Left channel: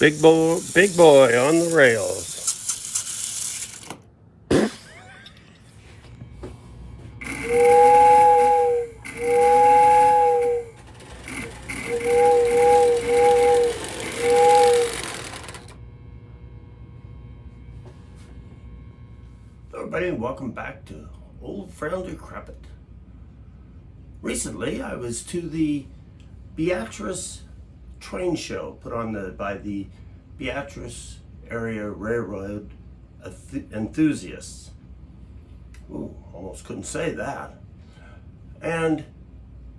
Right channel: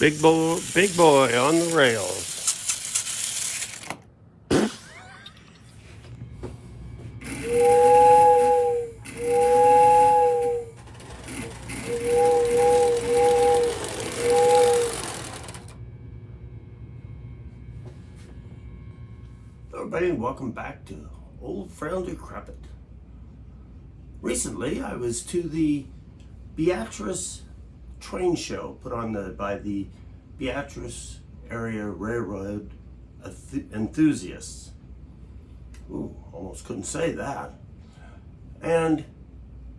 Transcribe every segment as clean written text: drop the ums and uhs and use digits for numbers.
Big boy on the rails. Everybody, and welcome back to Old Friend Decrepit. Recently, I was to the Beatrice train show put on by the Beatrice area railroad enthusiasts. Ooh, almost couldn't say that. And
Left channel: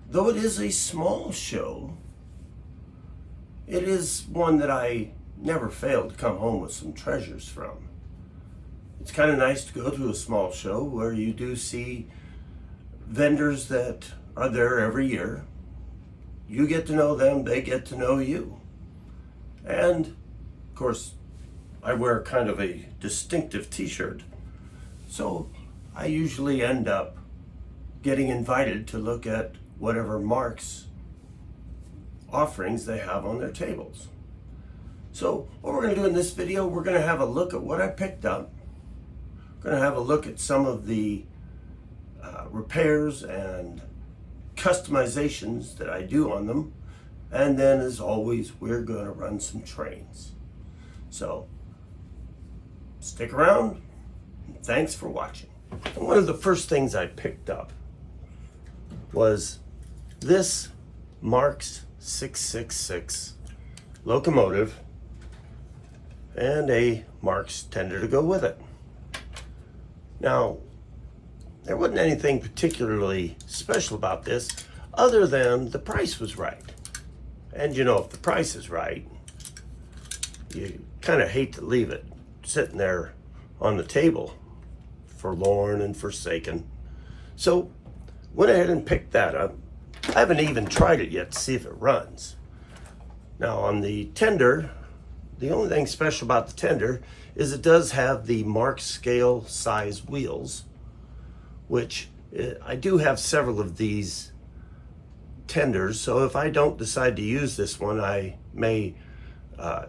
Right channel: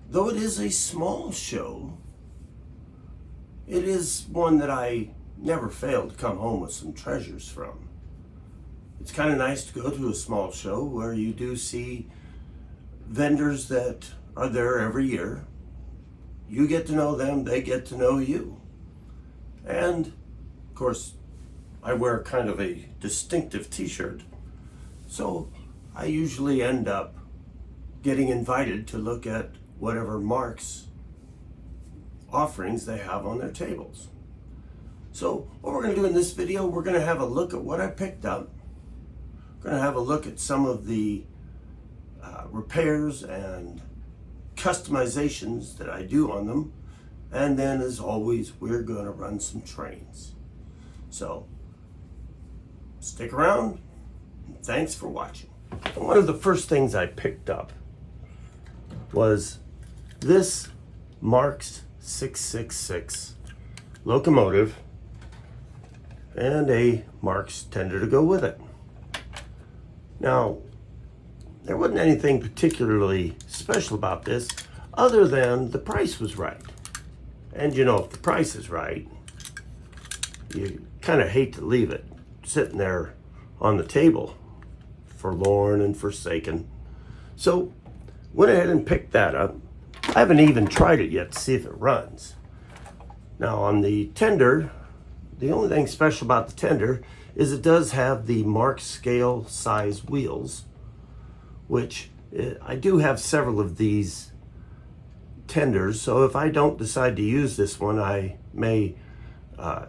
though it is a small show, it is one that I never failed to come home with some treasures from. It's kind of nice to go to a small show where you do see vendors that are there every year. You get to know them, they get to know you. And of course, I wear kind of a distinctive t-shirt. So I usually end up getting invited to look at whatever Mark's offerings they have on their tables. So what we're going to do in this video, we're going to have a look at what I picked up. We're going to have a look at some of the repairs and customizations that I do on them. And then, as always, we're going to run some trains. So stick around. Thanks for watching. One of the first things I picked up was this Mark's 666 locomotive and a Mark's tender to go with it. Now, there wasn't anything particularly special about this other than the price was right. And you know, if the price is right, you kind of hate to leave it sitting there on the table, forlorn and forsaken. So went ahead and picked that up. I haven't even tried it yet to see if it runs. Now on the tender, the only thing special about the tender is it does have the Mark scale size wheels, which I do have several of these tenders. So if I don't decide to use this one, I may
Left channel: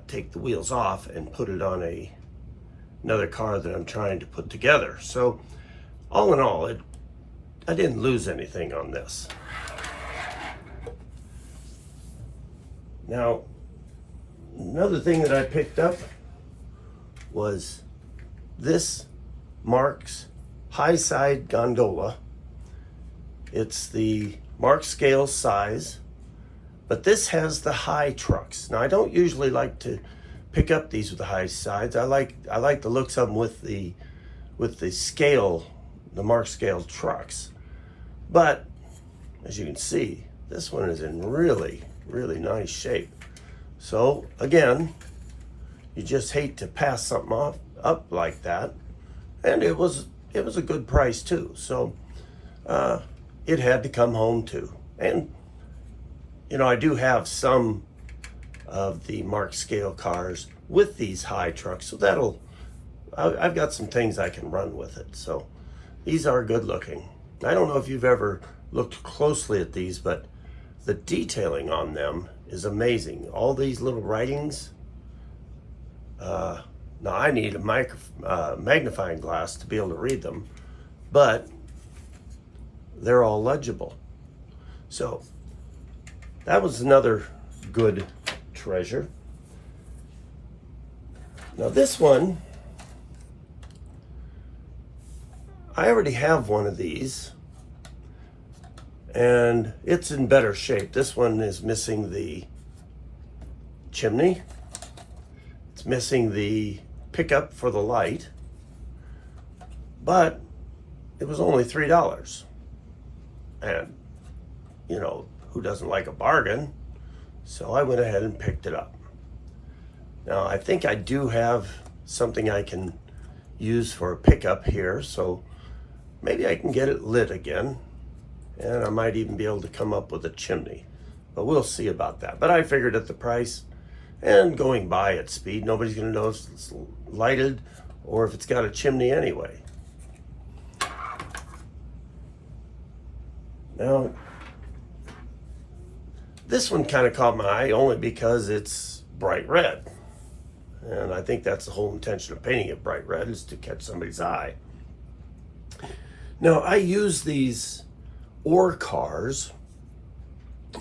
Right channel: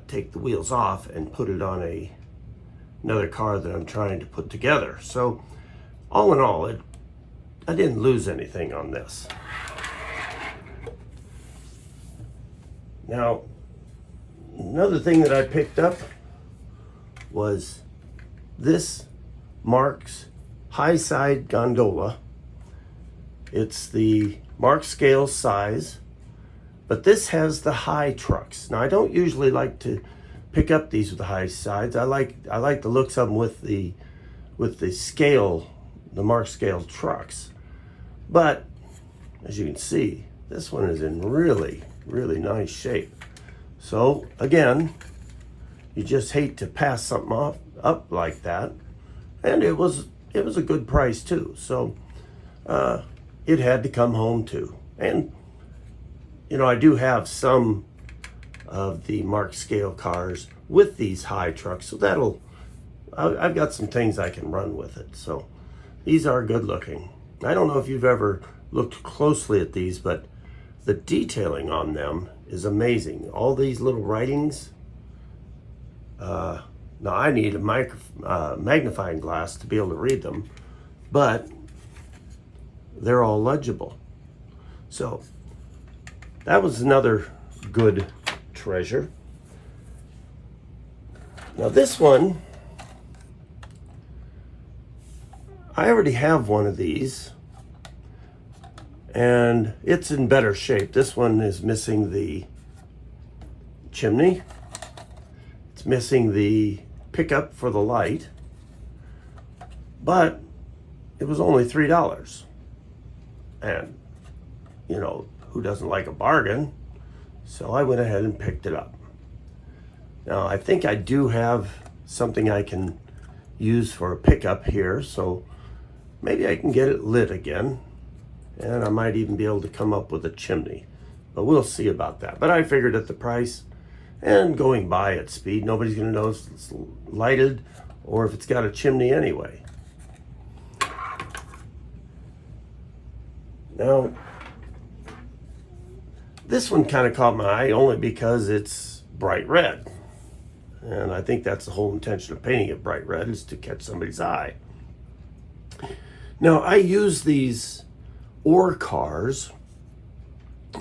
take the wheels off and put it on another car that I'm trying to put together. So all in all, I didn't lose anything on this. Now, another thing that I picked up was this Mark's high side gondola. It's the Mark scale size, but this has the high trucks. Now I don't usually like to pick up these with the high sides. I like the looks of them with the scale, the Mark scale trucks. But as you can see, this one is in really nice shape. So again, you just hate to pass something up like that. And it was a good price too. So it had to come home too. And you know, I do have some of the Mark scale cars with these high trucks, so I've got some things I can run with it. So these are good looking. I don't know if you've ever looked closely at these, but the detailing on them is amazing. All these little writings. Now I need a magnifying glass to be able to read them, but they're all legible. So that was another good treasure. Now this one, I already have one of these and it's in better shape. This one is missing the chimney. It's missing the pickup for the light, but it was only $3. And you know, who doesn't like a bargain? So I went ahead and picked it up. Now I think I do have something I can use for a pickup here, so maybe I can get it lit again, and I might even be able to come up with a chimney, but we'll see about that. But I figured at the price and going by at speed, nobody's going to know if it's lighted or if it's got a chimney anyway. Now this one kind of caught my eye only because it's bright red. And I think that's the whole intention of painting it bright red, is to catch somebody's eye. Now, I use these ore cars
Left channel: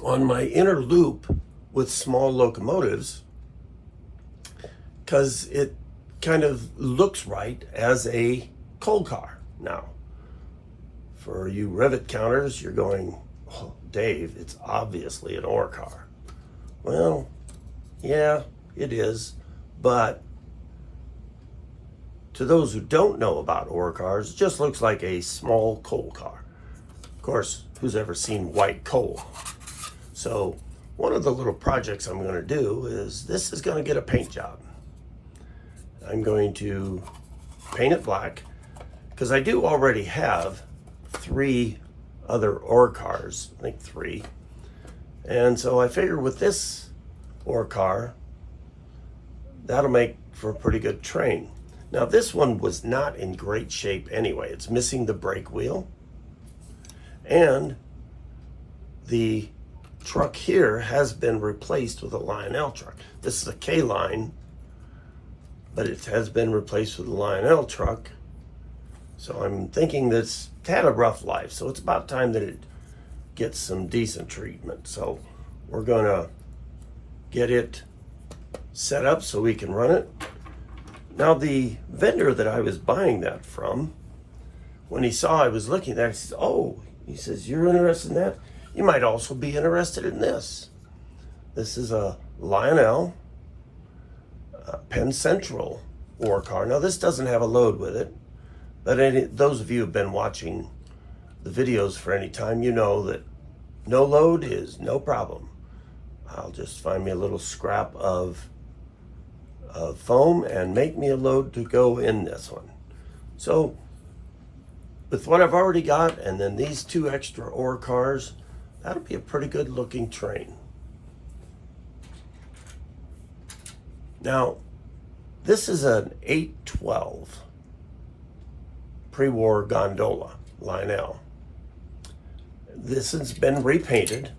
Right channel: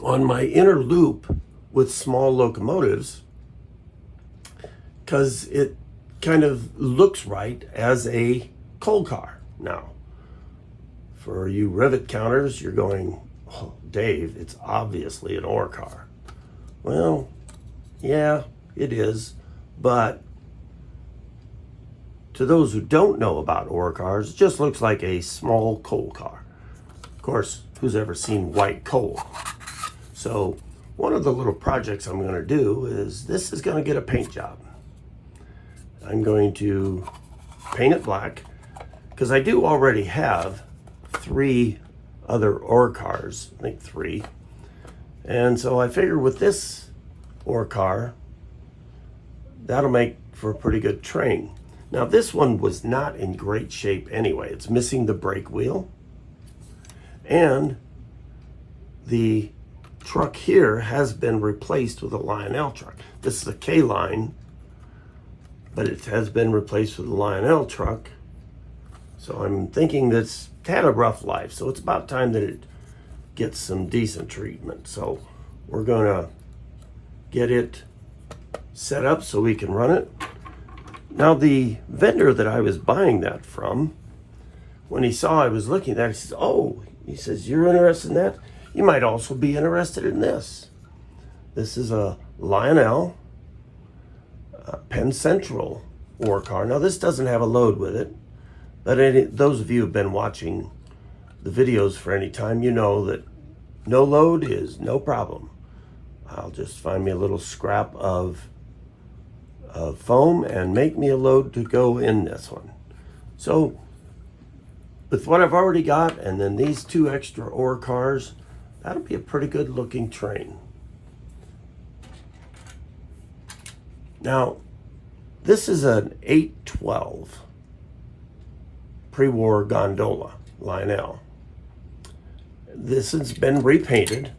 on my inner loop with small locomotives because it kind of looks right as a coal car. Now, for you rivet counters, you're going, oh, Dave, it's obviously an ore car. Well, yeah, it is, but to those who don't know about ore cars, it just looks like a small coal car. Of course, who's ever seen white coal? So one of the little projects I'm going to do is, this is going to get a paint job. I'm going to paint it black because I do already have 3 other ore cars, I think 3. And so I figure with this ore car, that'll make for a pretty good train. Now, this one was not in great shape anyway. It's missing the brake wheel, and the truck here has been replaced with a Lionel truck. This is a K-line, but it has been replaced with a Lionel truck. So I'm thinking that it's had a rough life, so it's about time that it gets some decent treatment. So we're gonna get it set up so we can run it. Now, the vendor that I was buying that from, when he saw I was looking at that, he says, oh, he says, you're interested in that? You might also be interested in this. This is a Lionel Penn Central ore car. Now, this doesn't have a load with it, but those of you who have been watching the videos for any time, you know that no load is no problem. I'll just find me a little scrap of foam and make me a load to go in this one. So with what I've already got, and then these 2 extra ore cars, that'll be a pretty good looking train. Now, this is an 812 pre-war gondola Lionel. This has been repainted,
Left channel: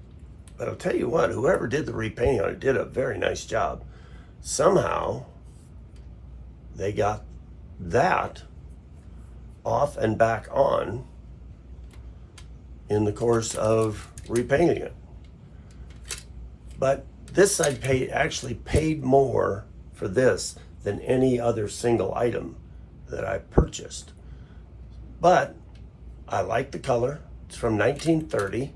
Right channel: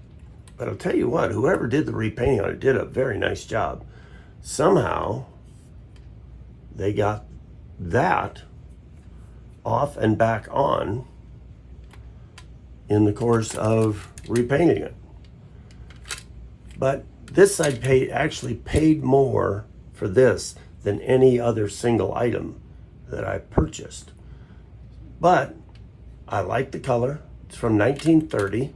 but I'll tell you what, whoever did the repainting on it did a very nice job. Somehow they got that off and back on in the course of repainting it. But this I actually paid more for this than any other single item that I purchased. But I like the color. It's from 1930,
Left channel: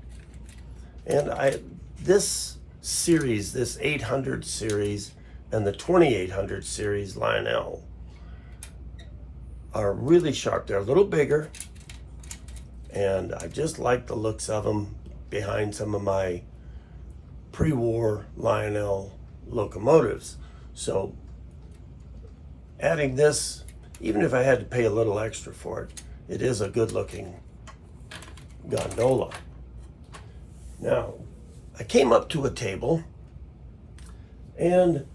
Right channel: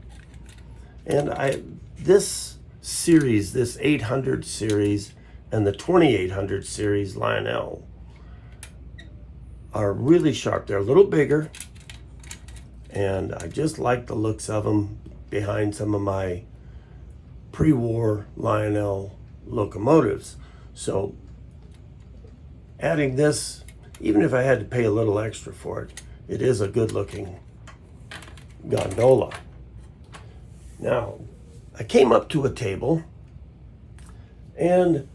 and this series, this 800 series and the 2800 series Lionel are really sharp. They're a little bigger, and I just like the looks of them behind some of my pre-war Lionel locomotives. So adding this, even if I had to pay a little extra for it, it is a good looking gondola. Now, I came up to a table and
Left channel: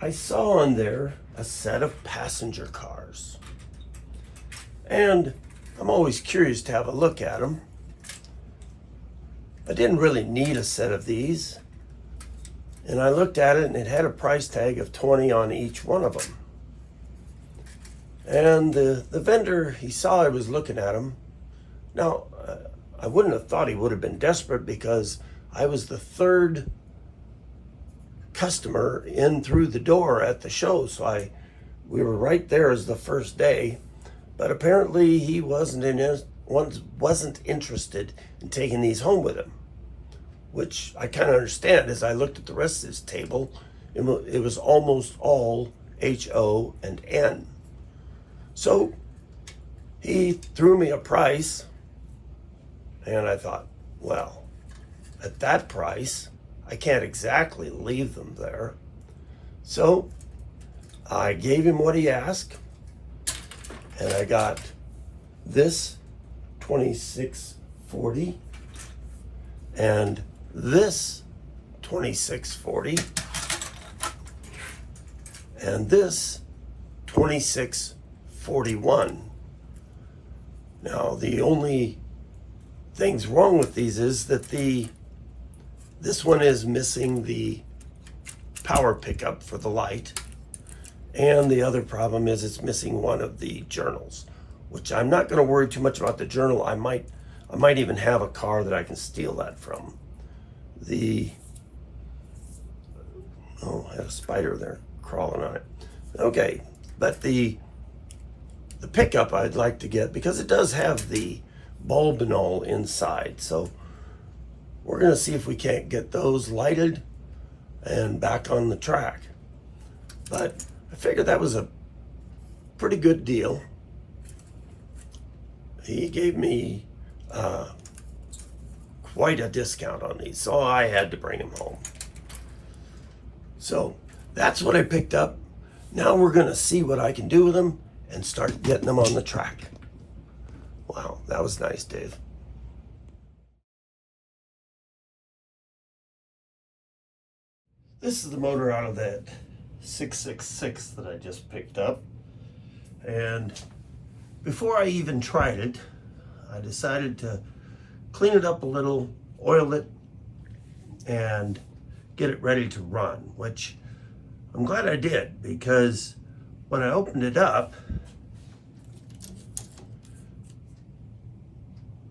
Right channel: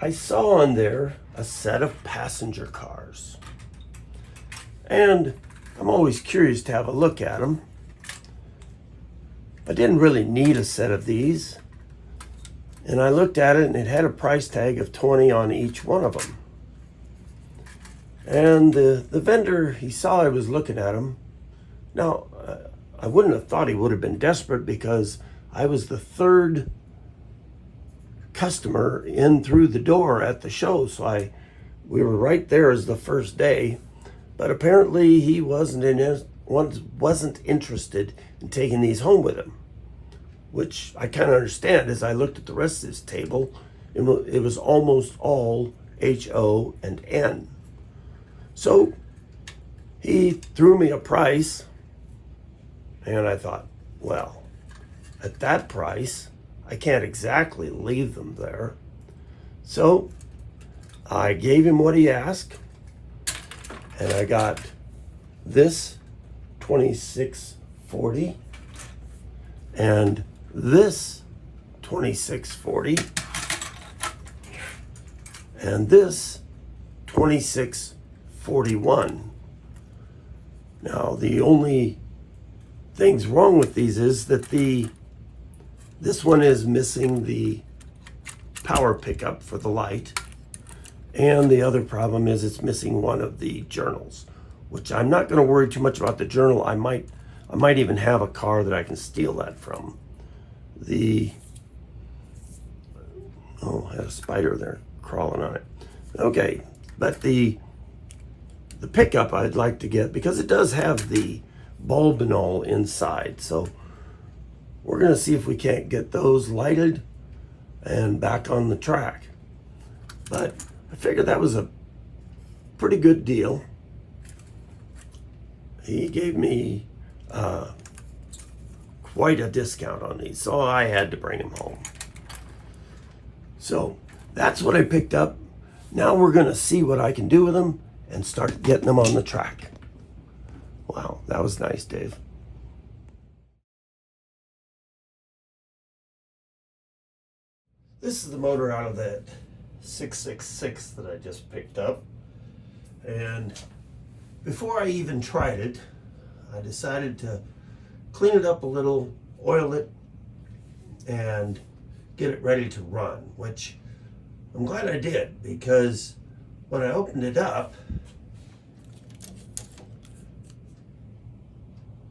I saw on there a set of passenger cars. And I'm always curious to have a look at them. I didn't really need a set of these. And I looked at it and it had a price tag of $20 on each one of them. And the vendor, he saw I was looking at them. Now, I wouldn't have thought he would have been desperate because I was the third customer in through the door at the show. So we were right there as the first day. But apparently he wasn't interested in taking these home with him, which I kind of understand. As I looked at the rest of this table, it was almost all HO and N. So he threw me a price, and I thought, well, at that price, I can't exactly leave them there. So I gave him what he asked, and I got this 2640 and this 2640 and this 2641. Now, the only things wrong with these is that this one is missing the power pickup for the light, And the other problem is it's missing one of the journals, which I'm not going to worry too much about the journal. I might even have a car that I can steal that from. Oh, I had a spider there crawling on it. Okay, but the pickup I'd like to get, because it does have the bulb and all inside. So we're going to see if we can't get those lighted and back on the track. But I figured that was a pretty good deal. He gave me quite a discount on these, so I had to bring them home. So that's what I picked up. Now we're going to see what I can do with them and start getting them on the track. Wow, that was nice, Dave. This is the motor out of that 666 that I just picked up. And before I even tried it, I decided to clean it up a little, oil it, and get it ready to run, which I'm glad I did, because when I opened it up,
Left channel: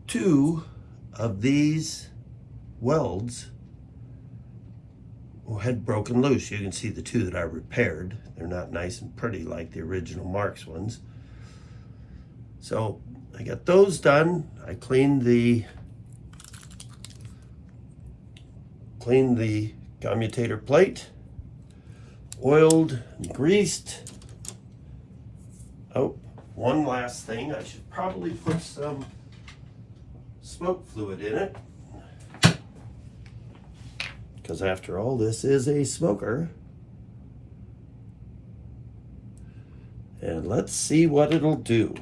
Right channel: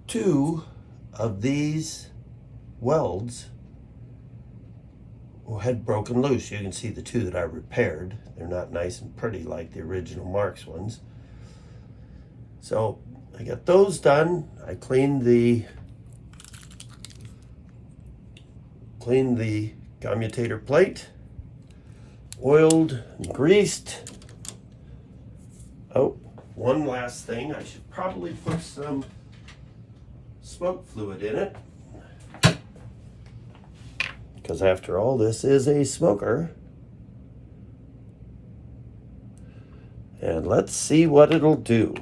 two of these welds had broken loose. You can see the two that I repaired. They're not nice and pretty like the original Marks ones. So I got those done. I cleaned the commutator plate, oiled and greased. Oh, one last thing. I should probably put some smoke fluid in it, because after all, this is a smoker. And let's see what it'll do.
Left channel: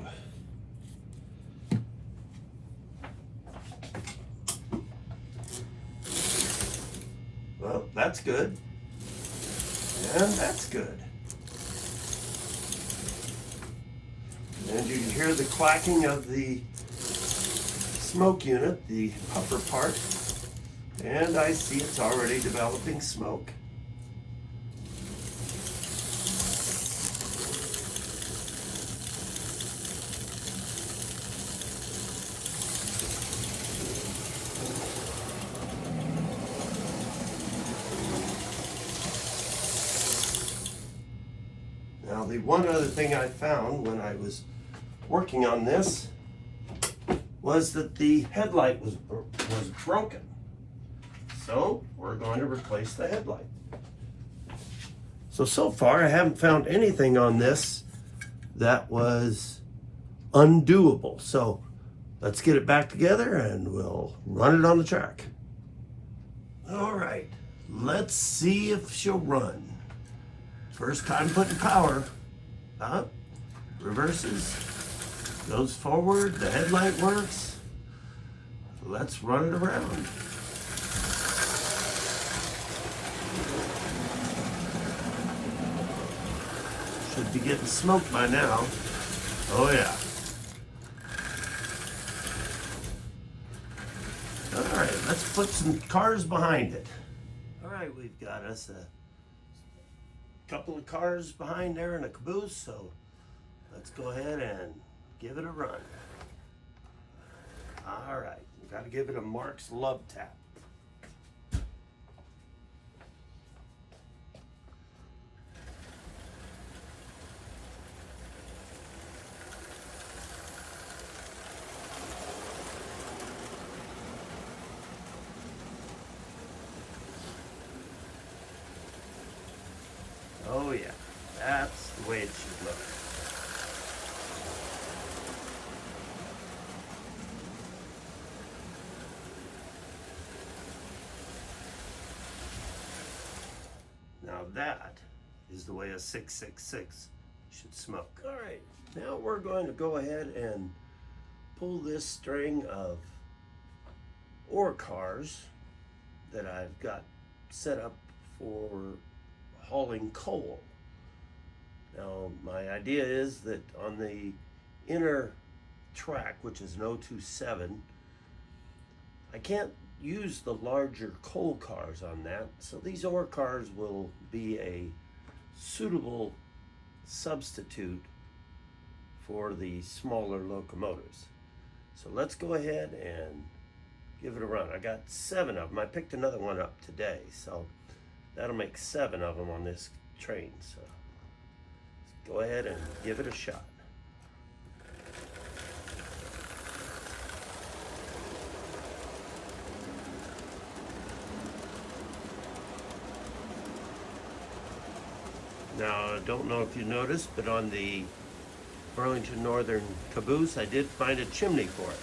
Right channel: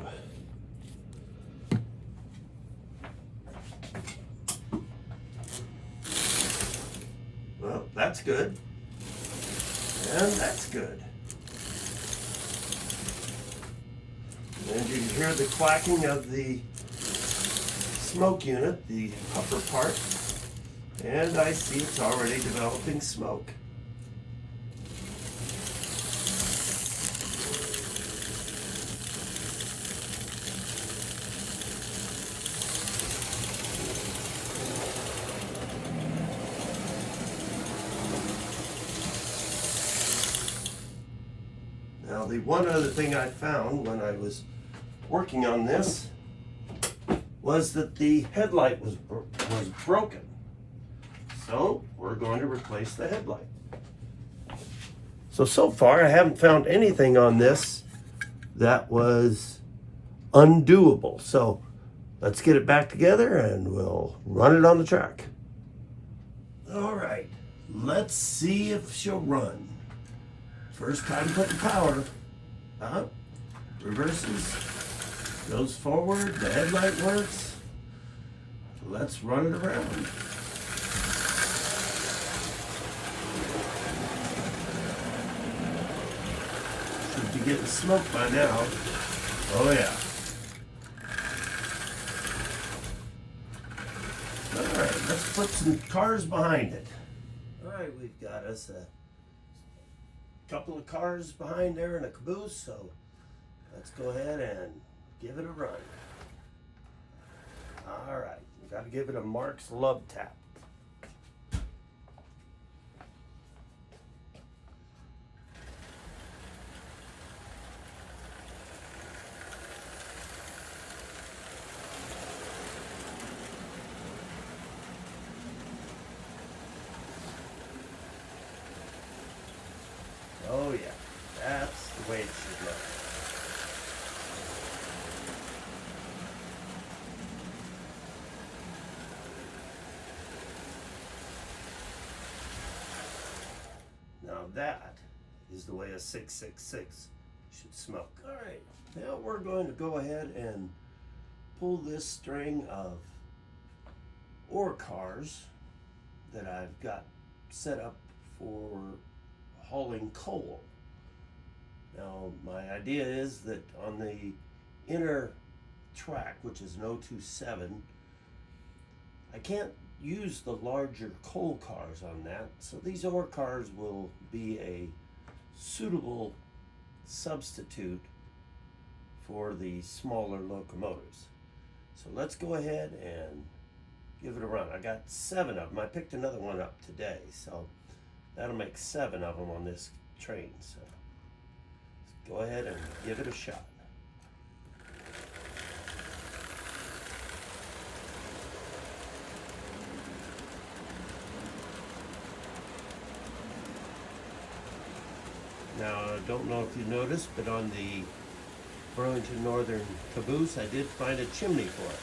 Well, that's good. And that's good. And you can hear the clacking of the smoke unit, the upper part. And I see it's already developing smoke. Now, the one other thing I found when I was working on this was that the headlight was broken. So we're going to replace the headlight. So far I haven't found anything on this that was undoable. So let's get it back together and we'll run it on the track. All right, let's see if she'll run. First time putting power. Reverses, goes forward, the headlight works. Let's run it around. Should be getting smoked by now. Oh yeah. All right, let's put some cars behind it. All right, we've got us a couple of cars behind there in a caboose, so let's go ahead and give it a run. All right, we've got to give it a Mark's love tap. Oh yeah, that's the way it should look. Now that is the way a 666 should smoke. All right, now we're going to go ahead and pull this string of ore cars that I've got set up for hauling coal. Now my idea is that on the inner track, which is an 027, I can't use the larger coal cars on that, so these ore cars will be a suitable substitute for the smaller locomotives. So let's go ahead and give it a run. I got 7 of them. I picked another one up today, so that'll make 7 of them on this train. So let's go ahead and give it a shot. Now, I don't know if you noticed, but on the Burlington Northern caboose, I did find a chimney for it.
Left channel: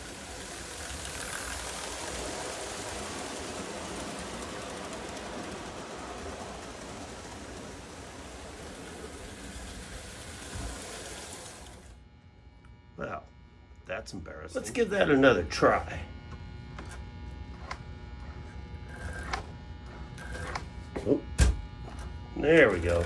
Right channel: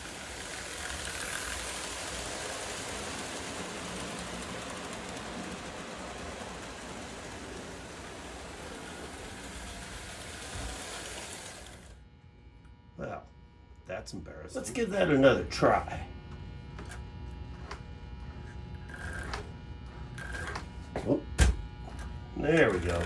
Well, that's embarrassing. Let's give that another try. Oh, there we go.